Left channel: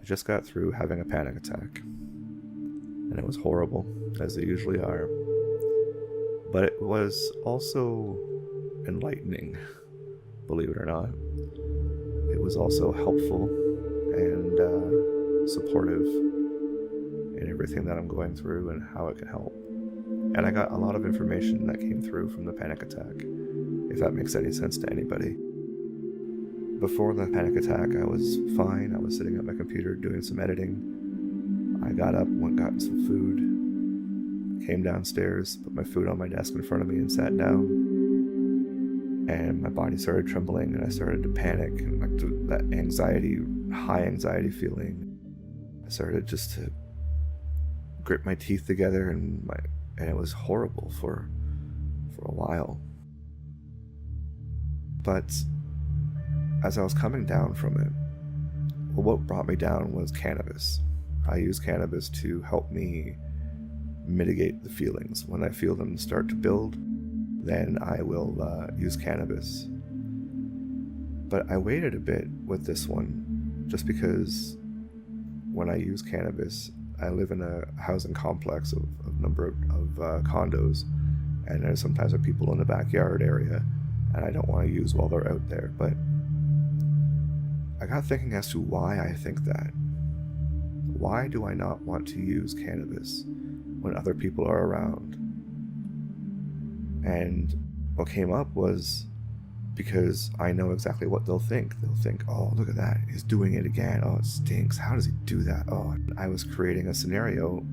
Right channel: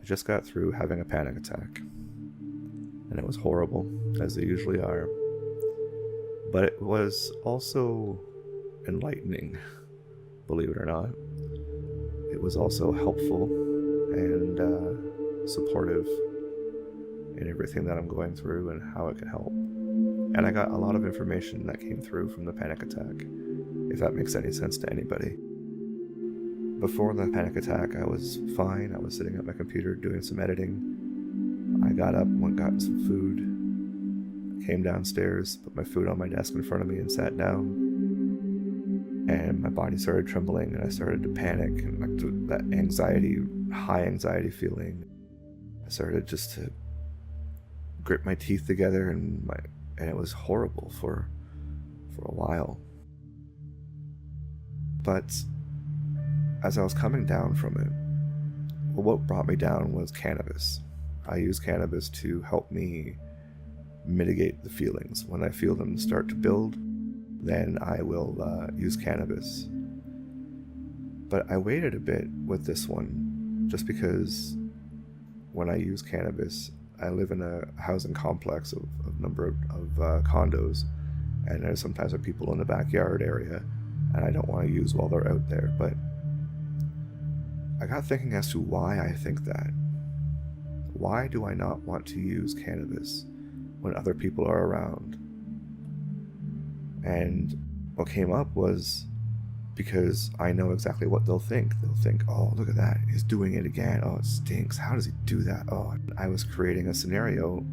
I just got through having a panic attack, and it was horrible, as they usually are. But it was also enlightening, believe it or not. It was also helpful and supportive in everything that I'm going through and how it can help. And I got a lot of information that came through from the panic attack, if that makes any sense to anybody. Before the panic attack, I was fine. I was sitting at my computer doing some editing. I got up, went got some food, came downstairs, put my food on my desk in front of me and sat down. And my body started trembling and I started to panic, and like that anxiety, high anxiety feeling. I started just to grip my teeth together and it was horrible for a while. But as I was coming down from it, well, what brought me down was cannabis. I use cannabis to help me mitigate the feelings. When I feel them start to build, then I will use cannabis. But I waited a bit with this one, just because when I use cannabis, I live in a housing complex of a number of condos, and there's sometimes people in the backyard area, and I don't want to use while they're out there. But I got thinking as to why I think that. Why do I not want to use cannabis when other people are around? And what came up was because I know exactly what they'll think. They'll think, oh, look at that, he's doing it again. Oh, it stinks. How does he do that? Oh, I was creating a scenario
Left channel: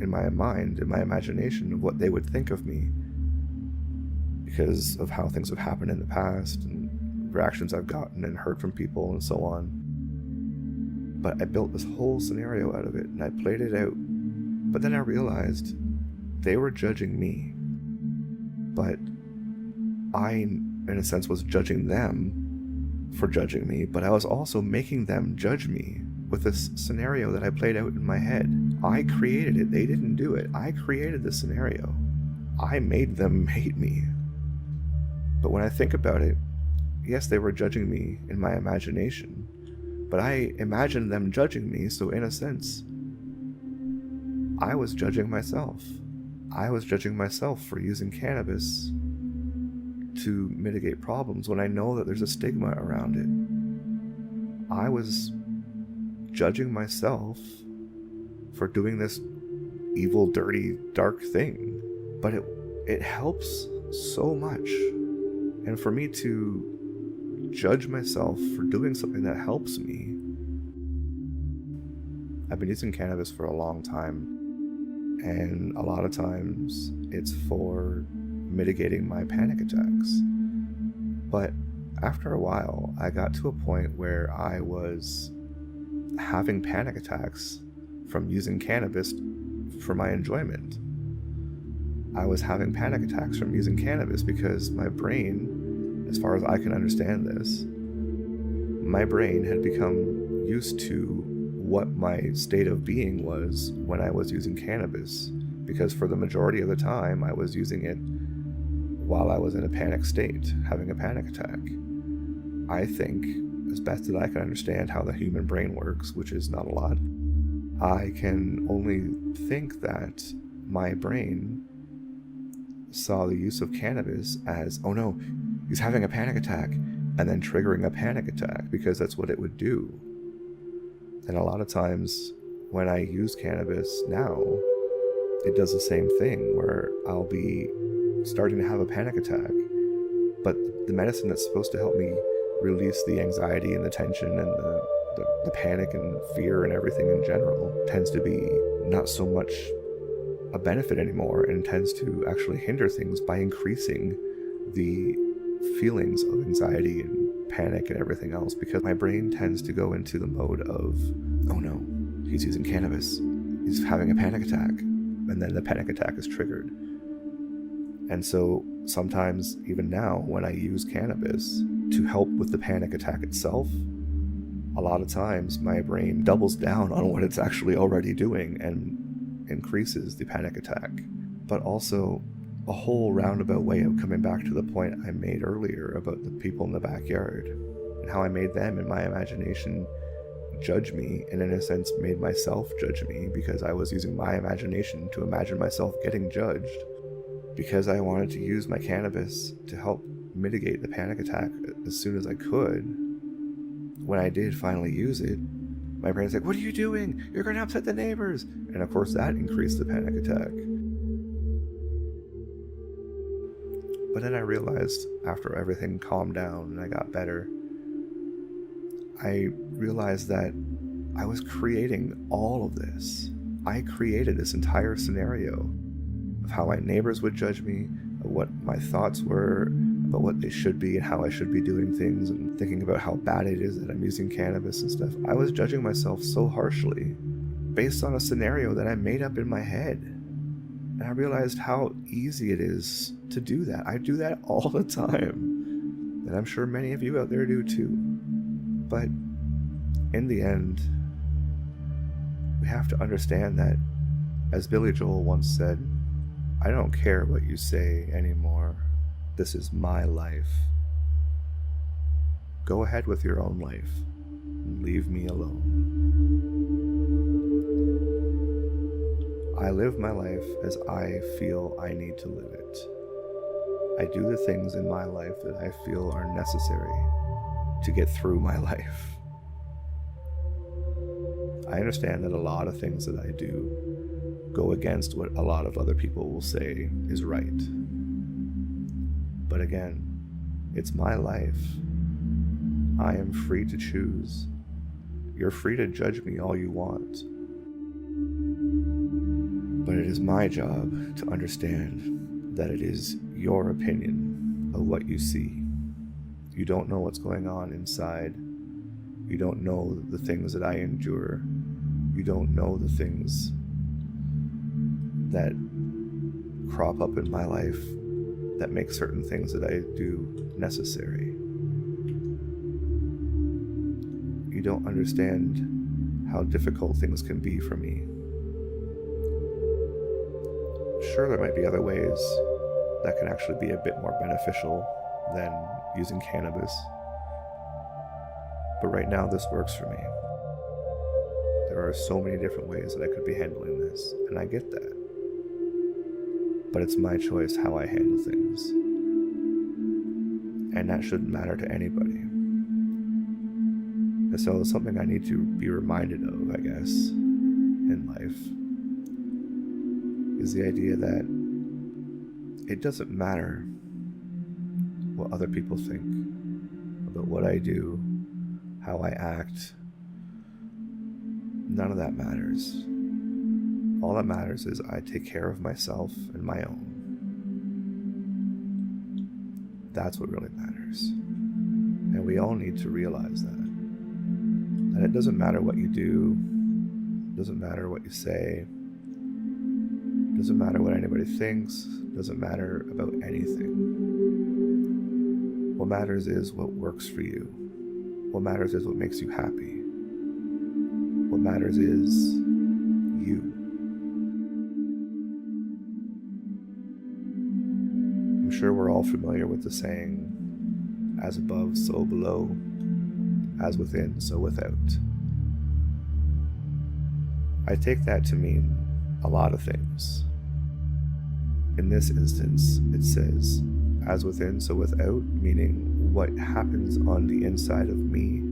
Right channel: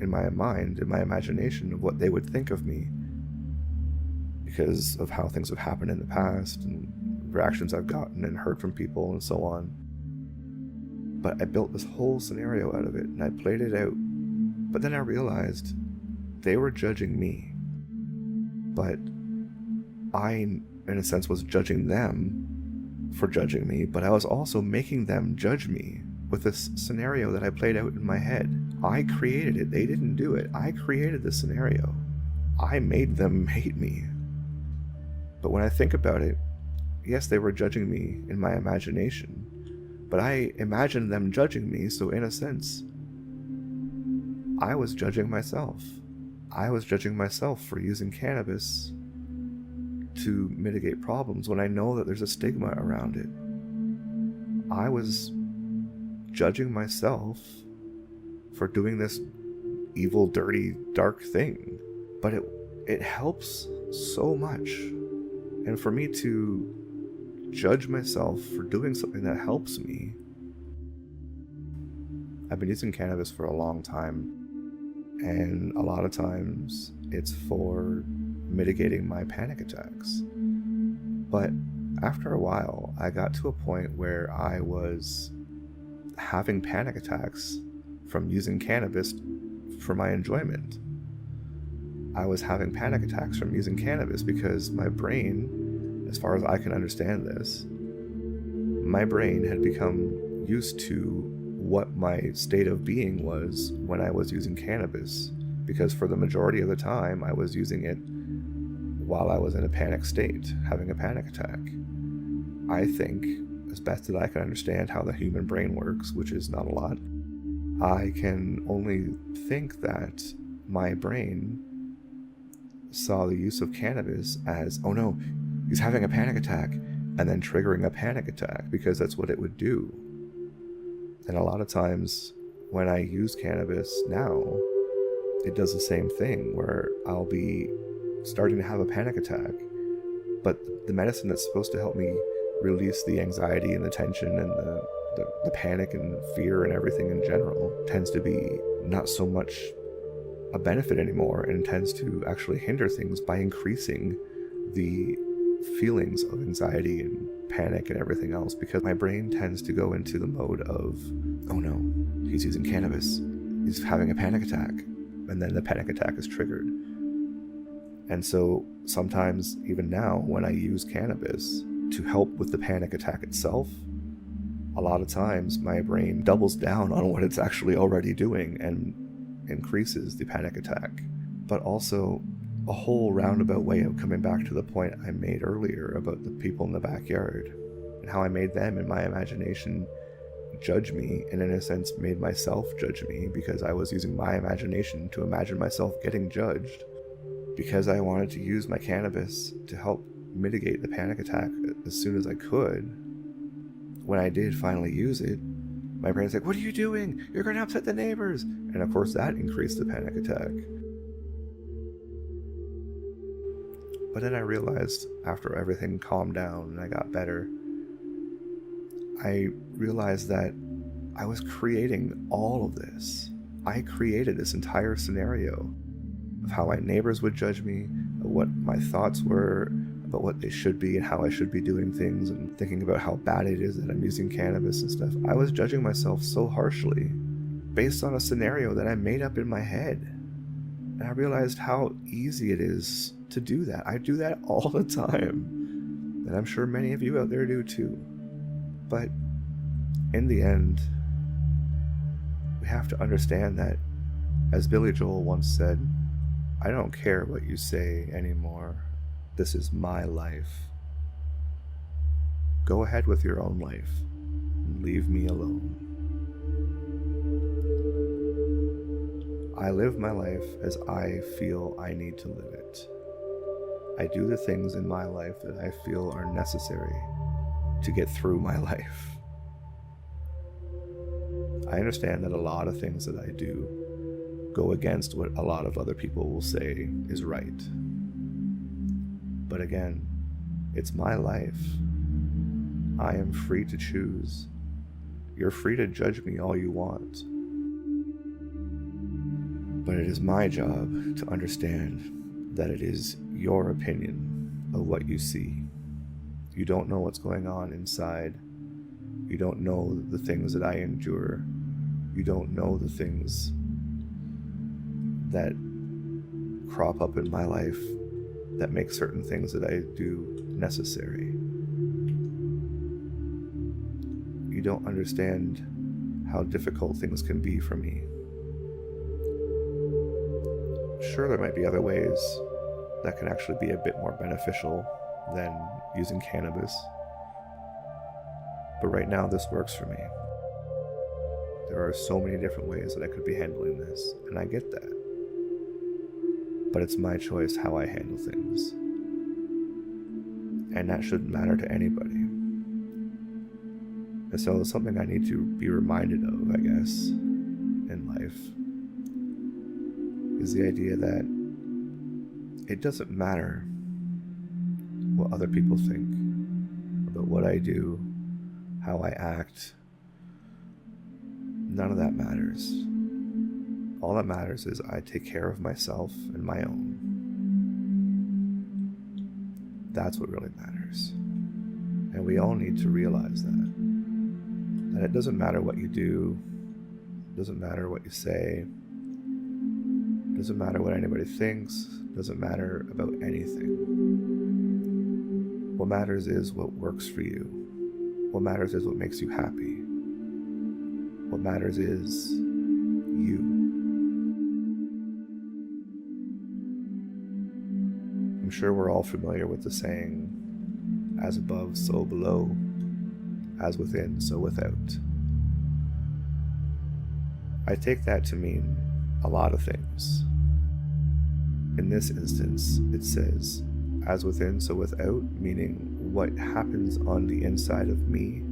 in my mind, in my imagination, of what they would think of me because of how things have happened in the past and reactions I've gotten and heard from people and so on. But I built this whole scenario out of it and I played it out. But then I realized they were judging me. But I, in a sense, was judging them for judging me, but I was also making them judge me with this scenario that I played out in my head. I created it. They didn't do it. I created the scenario. I made them hate me. But when I think about it, yes, they were judging me in my imagination, but I imagined them judging me, so in a sense, I was judging myself. I was judging myself for using cannabis to mitigate problems when I know that there's a stigma around it. I was judging myself for doing this evil, dirty, dark thing. But it helps so much. And for me to judge myself for doing something that helps me. I've been using cannabis for a long time. And a lot of times it's for mitigating my panic attacks. But after a while, I got to a point where I was having panic attacks from using cannabis for my enjoyment. I was having panic attacks from using cannabis because my brain, as far as I can understand this, my brain had become used to what my state of being was when I was using cannabis, because for the majority of the time I was using it while I was in a panic state, having a panic attack. I think, as best that I can understand how the human brain works, which is not a lot, I can only think that my brain saw the use of cannabis as, oh no, he's having a panic attack, and then triggering a panic attack, because that's what it would do. And a lot of times when I use cannabis now, it does the same thing, where I'll be starting to have a panic attack, but the medicine that's supposed to help me release the anxiety and the tension and the panic and fear and everything in general tends to be not so much a benefit anymore, and tends to actually hinder things by increasing the feelings of anxiety and panic and everything else, because my brain tends to go into the mode of, oh no, he's using cannabis, he's having a panic attack, and then the panic attack is triggered. And so sometimes, even now, when I use cannabis to help with the panic attack itself, a lot of times my brain doubles down on what it's actually already doing and increases the panic attack. But also a whole roundabout way of coming back to the point I made earlier about the people in the backyard and how I made them, in my imagination, judge me, and in a sense made myself judge me, because I was using my imagination to imagine myself getting judged, because I wanted to use my cannabis to help mitigate the panic attack as soon as I could. When I did finally use it, my parents were like, "What are you doing? You're going to upset the neighbors." And of course that increased the panic attack. But then I realized, after everything calmed down and I got better, I realized that I was creating all of this. I created this entire scenario of how my neighbors would judge me, of what my thoughts were about what they should be and how I should be doing things, and thinking about how bad it is that I'm using cannabis and stuff. I was judging myself so harshly based on a scenario that I made up in my head. And I realized how easy it is to do that. I do that all the time. And I'm sure many of you out there do too. But in the end, we have to understand that, as Billy Joel once said, "I don't care what you say anymore. This is my life. Go ahead with your own life and leave me alone." I live my life as I feel I need to live it. I do the things in my life that I feel are necessary to get through my life. I understand that a lot of things that I do go against what a lot of other people will say is right. But again, it's my life. I am free to choose. You're free to judge me all you want. But it is my job to understand that it is your opinion of what you see. You don't know what's going on inside. You don't know the things that I endure. You don't know the things that crop up in my life that make certain things that I do necessary. You don't understand how difficult things can be for me. Sure, there might be other ways that can actually be a bit more beneficial than using cannabis. But right now, this works for me. There are so many different ways that I could be handling this, and I get that. But it's my choice how I handle things. And that shouldn't matter to anybody. And so it's something I need to be reminded of, I guess, in life, is the idea that it doesn't matter what other people think about what I do, how I act. None of that matters. All that matters is I take care of myself and my own. That's what really matters. And we all need to realize that. That it doesn't matter what you do, it doesn't matter what you say, it doesn't matter what anybody thinks, it doesn't matter about anything. What matters is what works for you. What matters is what makes you happy. What matters is you. I'm sure we're all familiar with the saying, "As above, so below, as within, so without." I take that to mean a lot of things. In this instance, it says, "As within, so without," meaning what happens on the inside of me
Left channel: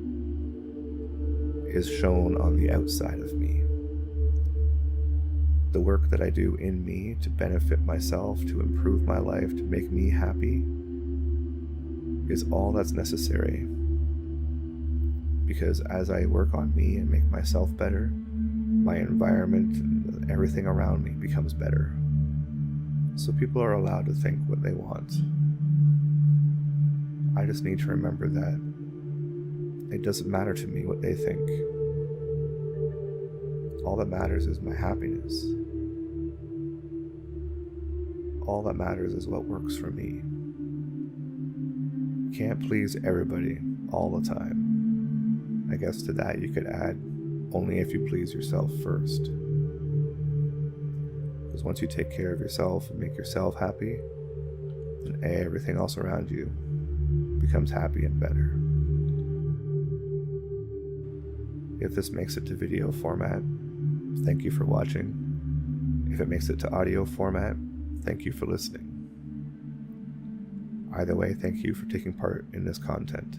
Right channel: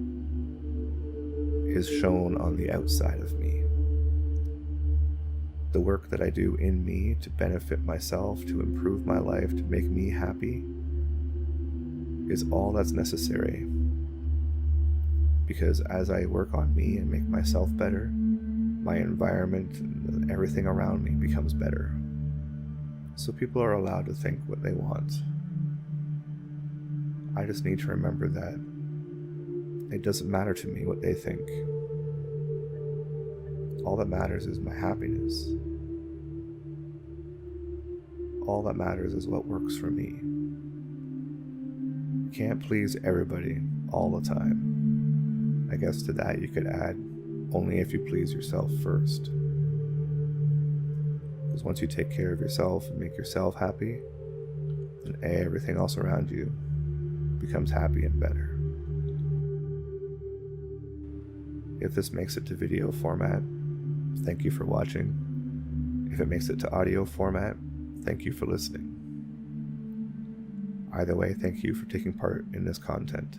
is shown on the outside of me. The work that I do in me to benefit myself, to improve my life, to make me happy, is all that's necessary. Because as I work on me and make myself better, my environment and everything around me becomes better. So people are allowed to think what they want. I just need to remember that it doesn't matter to me what they think. All that matters is my happiness. All that matters is what works for me. You can't please everybody all the time. I guess to that you could add, only if you please yourself first. Because once you take care of yourself and make yourself happy, then everything else around you becomes happy and better. If this makes it to video format, thank you for watching. If it makes it to audio format, thank you for listening. Either way, thank you for taking part in this content.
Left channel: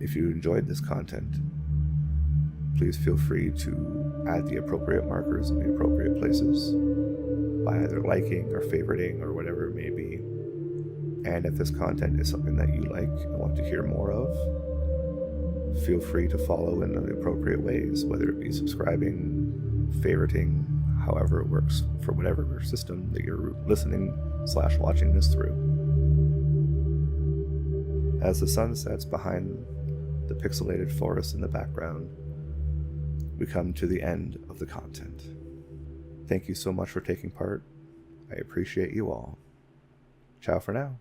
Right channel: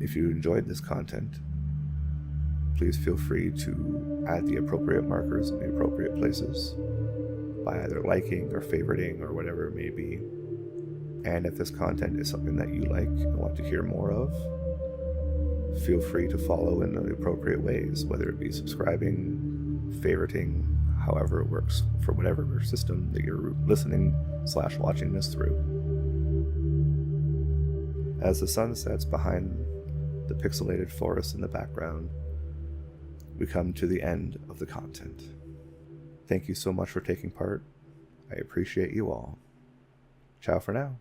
If you enjoyed this content, please feel free to add the appropriate markers in the appropriate places by either liking or favoriting or whatever it may be. And if this content is something that you like and want to hear more of, feel free to follow in the appropriate ways, whether it be subscribing, favoriting, however it works for whatever system that you're listening/watching this through. As the sun sets behind the pixelated forest in the background, we come to the end of the content. Thank you so much for taking part. I appreciate you all. Ciao for now.